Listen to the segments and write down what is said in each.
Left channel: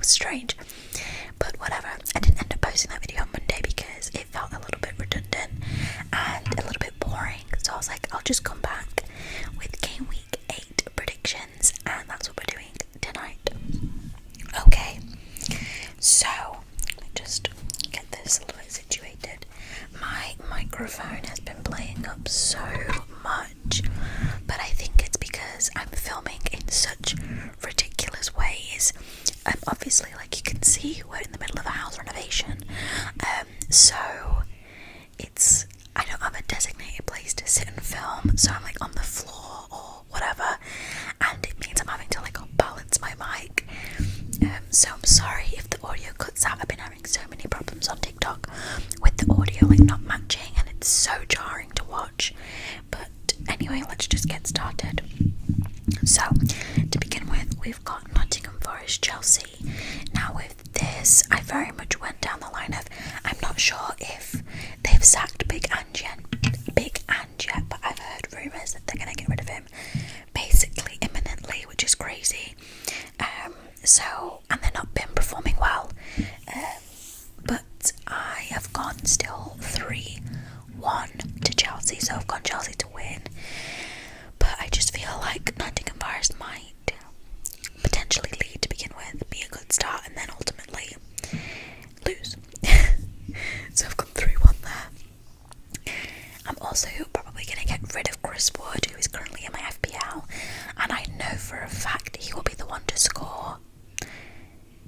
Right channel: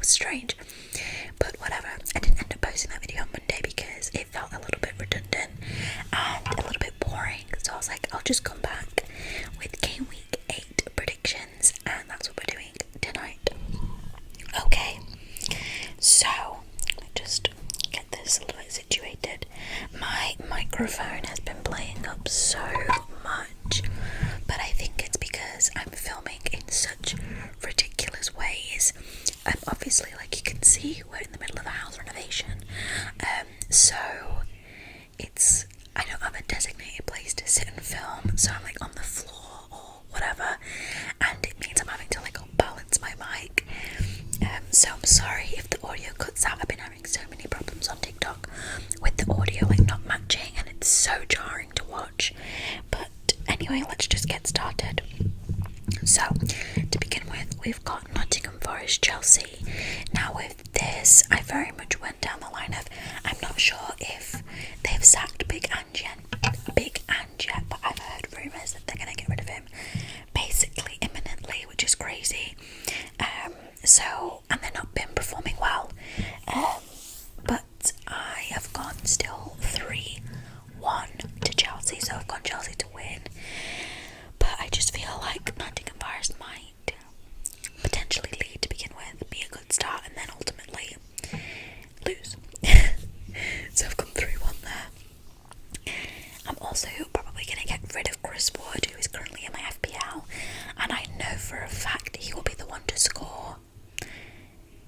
was strange, but whatever. I didn't end up posting that video on Monday because it felt a little bit redundant and a little bit boring, so I was like, I'll just come back with game week 8 predictions, and that's what we're doing tonight. Okay, so let me just get this a little bit situated. My microphone has been playing up so much, but I think it's because I'm filming in such ridiculous ways. Obviously, like you can see, we're in the middle of a house renovation, so I don't have a designated place to sit and film, so I'm like on the floor or whatever, and it means I'm having to like balance my mic. So I'm sorry if the audio cuts out. I've been having so many problems on TikTok with the audio like not matching, and it's so jarring to watch. But anyway, let's just get started. So to begin with, we've got Nottingham Forest, Chelsea. Now with this, I very much went down the line of, I'm not sure if they've sacked Big Ange yet, but I've heard rumours that they're going to get rid of him basically imminently, which is crazy. And they've not been performing well, but I have gone still 3-1 to Chelsea, so I've gone Chelsea to win, but I just feel like Nottingham Forest might potentially lead to begin with, be a good start, and then ultimately lose. So I've gone 3-1 there. I'm also probably going to get rid of Chris Wood, who is currently in my FPL, and I know for a fact he will be the one to score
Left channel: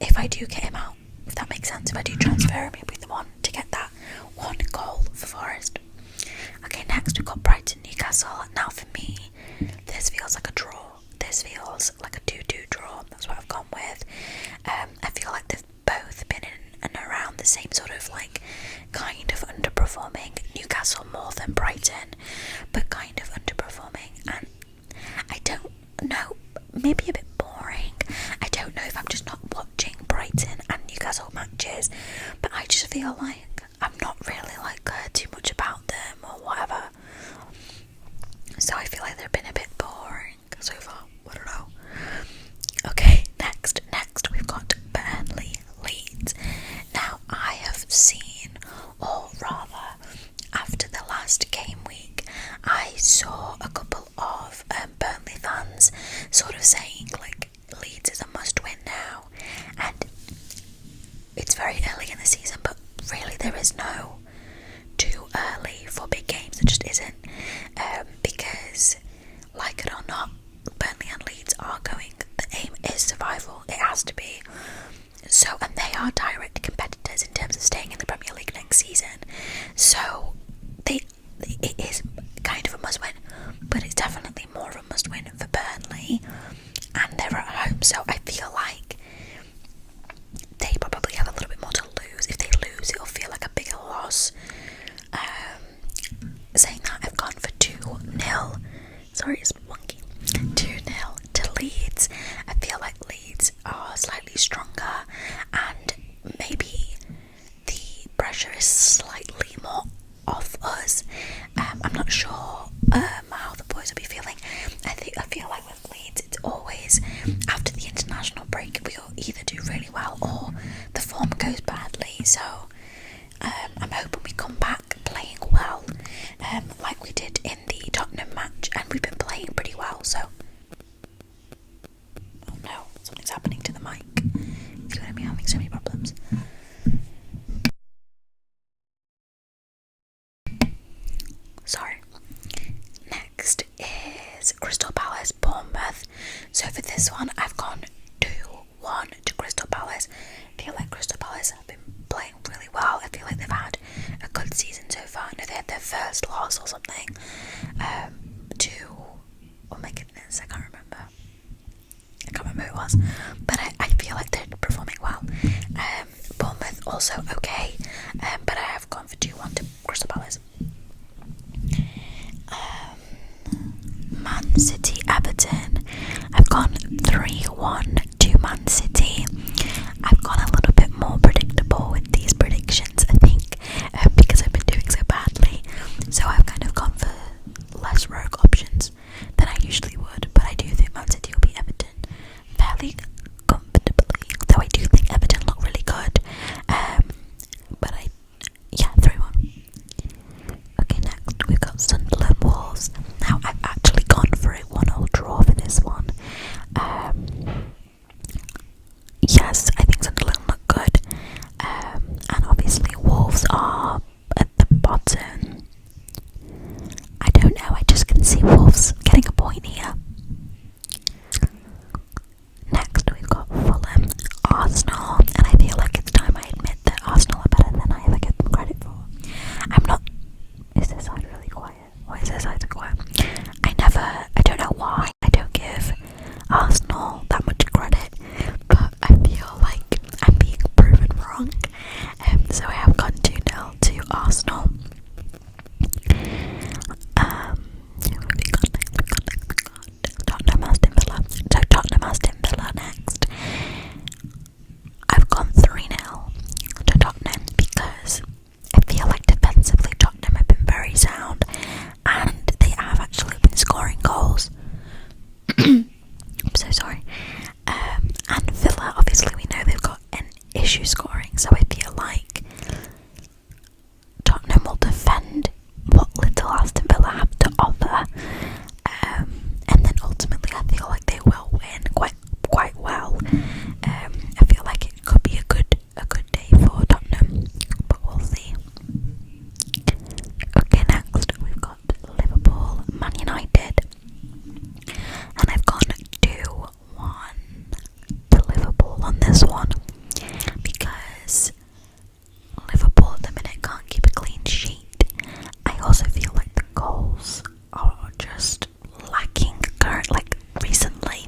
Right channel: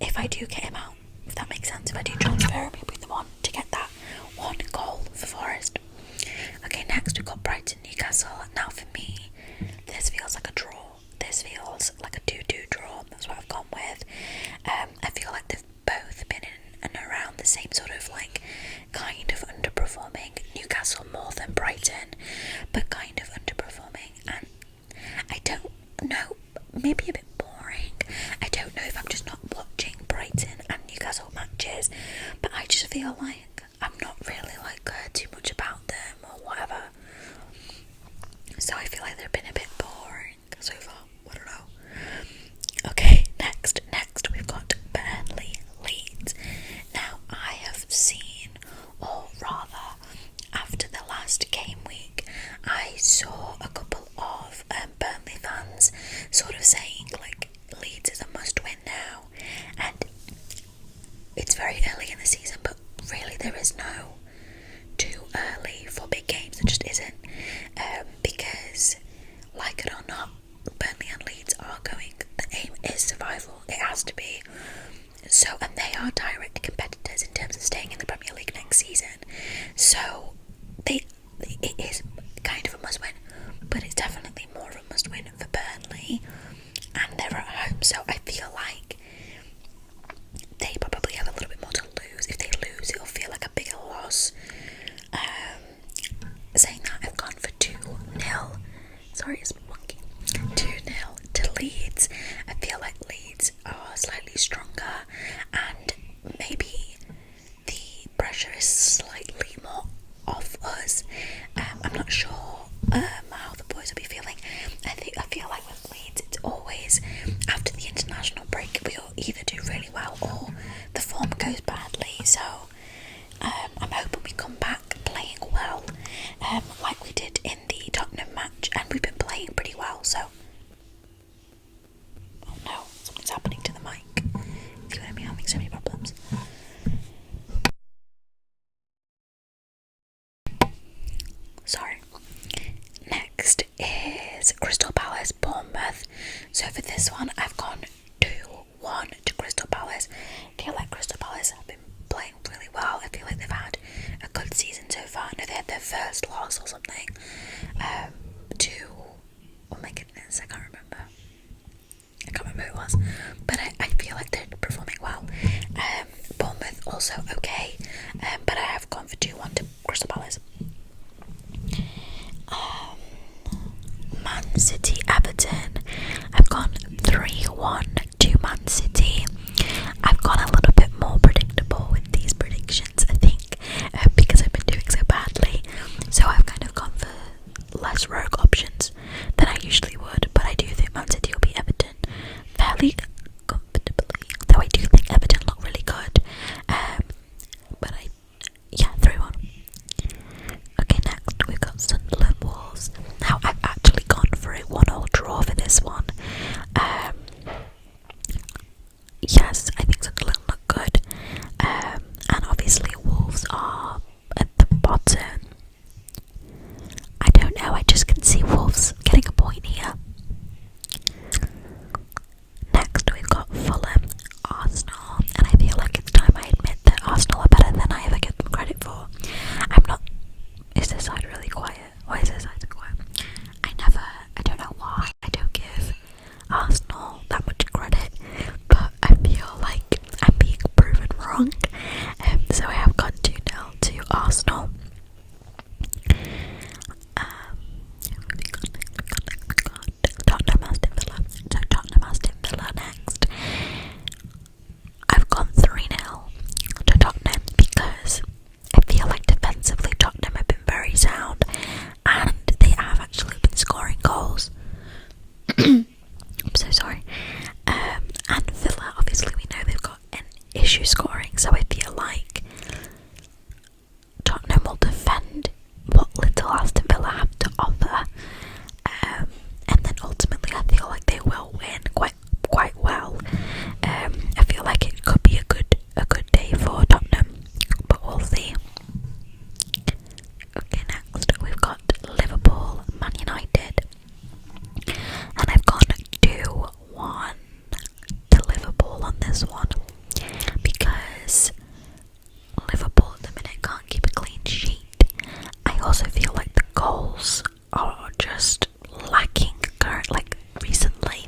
if I do get him out, if that makes sense. If I do transfer him, he'll be the one to get that one goal for Forest. Okay, next we've got Brighton, Newcastle. Now for me, this feels like a draw. This feels like a 2-2 draw. That's what I've gone with. I feel like they've both been in and around the same sort of like kind of underperforming. Newcastle more than Brighton, but kind of underperforming, and I don't know, maybe a bit boring. I don't know if I'm just not watching Brighton and Newcastle matches, but I just feel like I'm not really like heard too much about them or whatever, so I feel like they've been a bit boring so far. I don't know. Okay, next we've got Burnley, Leeds. Now I have seen, or rather after the last game week, I saw a couple of Burnley fans sort of saying like Leeds is a must win now, and it's very early in the season, but really there is no too early for big games. There just isn't, because like it or not, Burnley and Leeds are going, the aim is survival, it has to be. So, and they are direct competitors in terms of staying in the Premier League next season, so it is kind of a must win, but it's definitely more of a must win for Burnley, and they're at home, so I feel like they probably have a little bit more to lose. If they lose, it'll feel like a bigger loss. Saying that, I've gone for 2-0. Sorry, it's wonky. 2-0 to Leeds. I feel like Leeds are slightly stronger, and maybe the pressure is slightly more off us. I'm not sure how the boys will be feeling. I feel like with Leeds, it's always after the international break, we'll either do really well or the form goes badly. So I'm hoping we come back playing well, like we did in the Tottenham match, and we've been playing pretty well. So, oh no, something's happening to the mic. It's going to be having so many problems. Sorry. Next is Crystal Palace, Bournemouth. So for this one, I've gone 2-1 to Crystal Palace. I feel like Crystal Palace have been playing really well. I feel like they've had a good season so far. I know they had their first loss or something oh my goodness, I can't remember who it was, but I feel like they're performing well. Bournemouth also okay, but I have gone for 2-1 to Crystal Palace. Man City, Everton. I've gone 3-1 to Man City. I've gone a little bit more predictable with these predictions, I think, because I've been doing so badly. So I've kind of gone for less rogue options than I usually would, but I do think Man City will beat Everton fairly comfortably, though I do think issue scoring. So I feel like Tottenham will defend what little Aston Villa have to offer, and then ultimately I feel like they will win quite well. I feel like it could be a good day for Tottenham, but we'll see. Okay, next we've got Liverpool, Man United, and I've gone 2-1 to Liverpool on this one because Liverpool at the minute can't keep a clean sheet. I also feel like the goals are just lacking recently.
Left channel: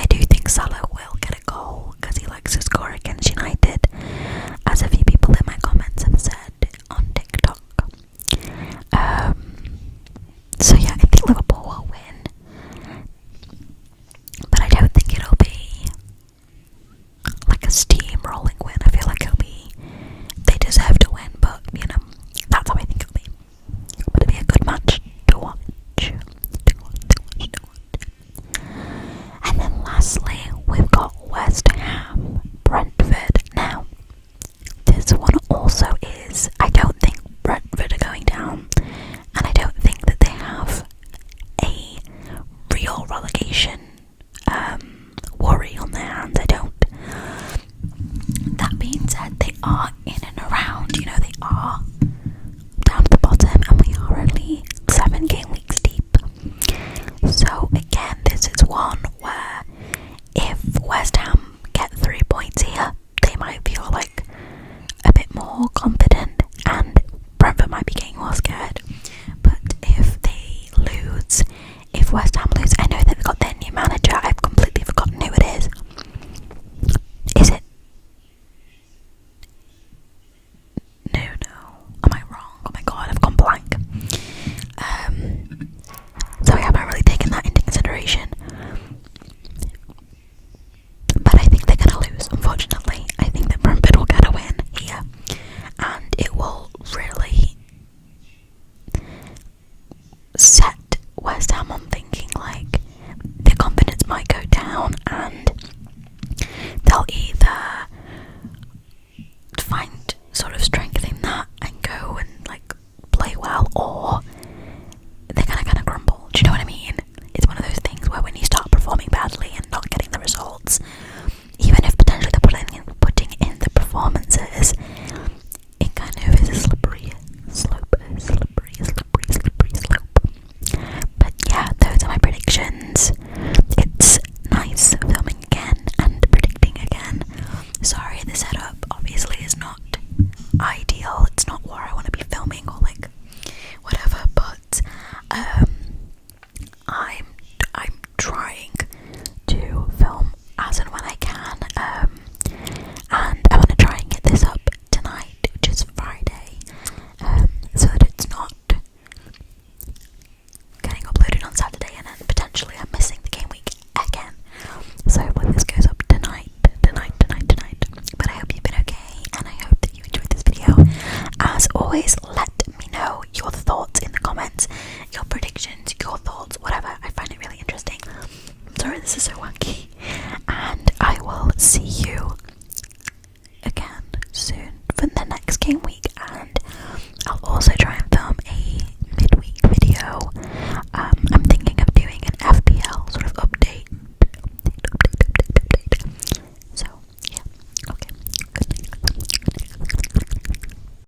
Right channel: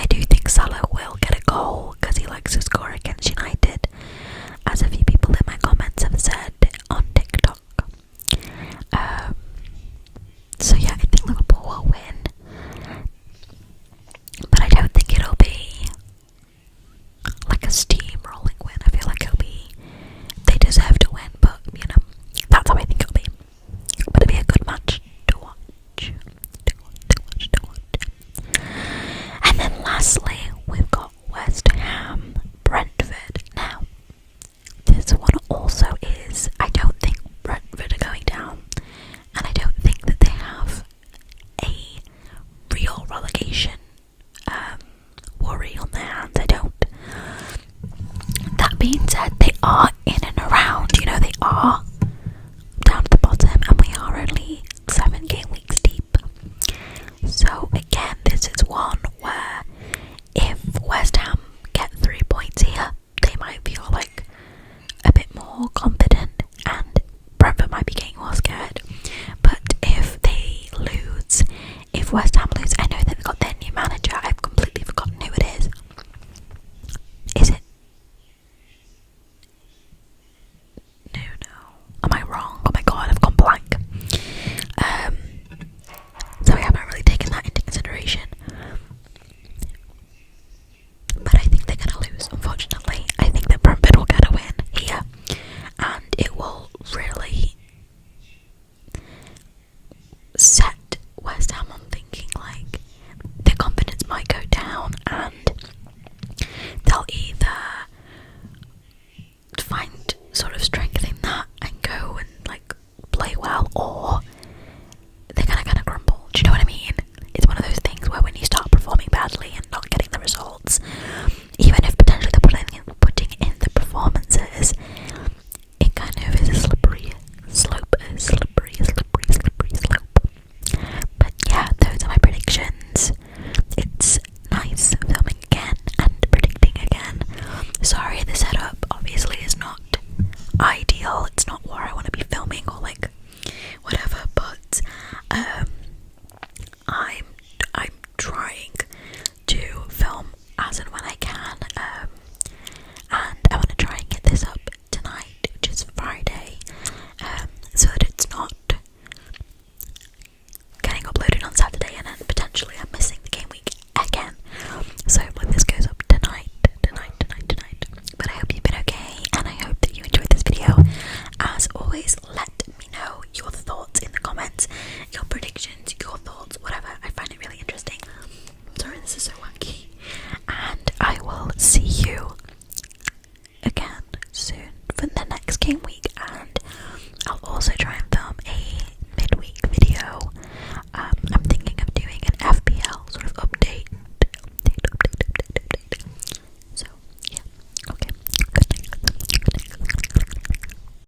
I do think Salah will get a goal because he likes to score against United, as a few people in my comments have said on TikTok. So yeah, I think Liverpool will win, but I don't think it'll be like a steamrolling win. I feel like they deserve to win, but that's how I think it'll be. But it'll be a good match to watch. And then lastly, we've got West Ham, Brentford. Now, this one also is, I don't think Brentford are going down, and I don't think that they have a real relegation worry on their hands. I don't. That being said, they are in and around, they are down at the bottom, and we are only 7 game weeks deep. So again, this is one where if West Ham get 3 points here, they might feel like a bit more confident, and Brentford might be getting more scared. But if they lose, if West Ham lose, I know they've got their new manager. I've completely forgotten who it is. Is it? No. Am I wrong? Oh my god, I've gone blank. So I haven't really taken that into consideration. But I think they're going to lose, unfortunately. I think that Brentford will get a win here, and it will really set West Ham on thinking like their confidence might go down, and they'll either find sort of strength in that and go and like play well, or they're gonna kind of crumble. Do you know what I mean? It's one of those things where when you start performing badly and not getting the results, even if potentially they're putting in the performances, it kind of is a slippery slope. But yeah, those are my predictions. It's nice filming again and predicting again. Sorry, the setup obviously is not ideal. It's not where I want to be filming or like whatever, but I'm trying to film as and when I can, and I want to try and get this up tonight, which is Friday, so that it's not getting uploaded on Saturday and then potentially I'm missing the game week again. So when this goes up tonight. But I hope you've been okay, and I hope that you enjoyed this video. As always, let me know your thoughts in the comments, your predictions, your thoughts, whatever. I find it really interesting. I'm sorry this is so wonky, and I will see you again soon for the next game week.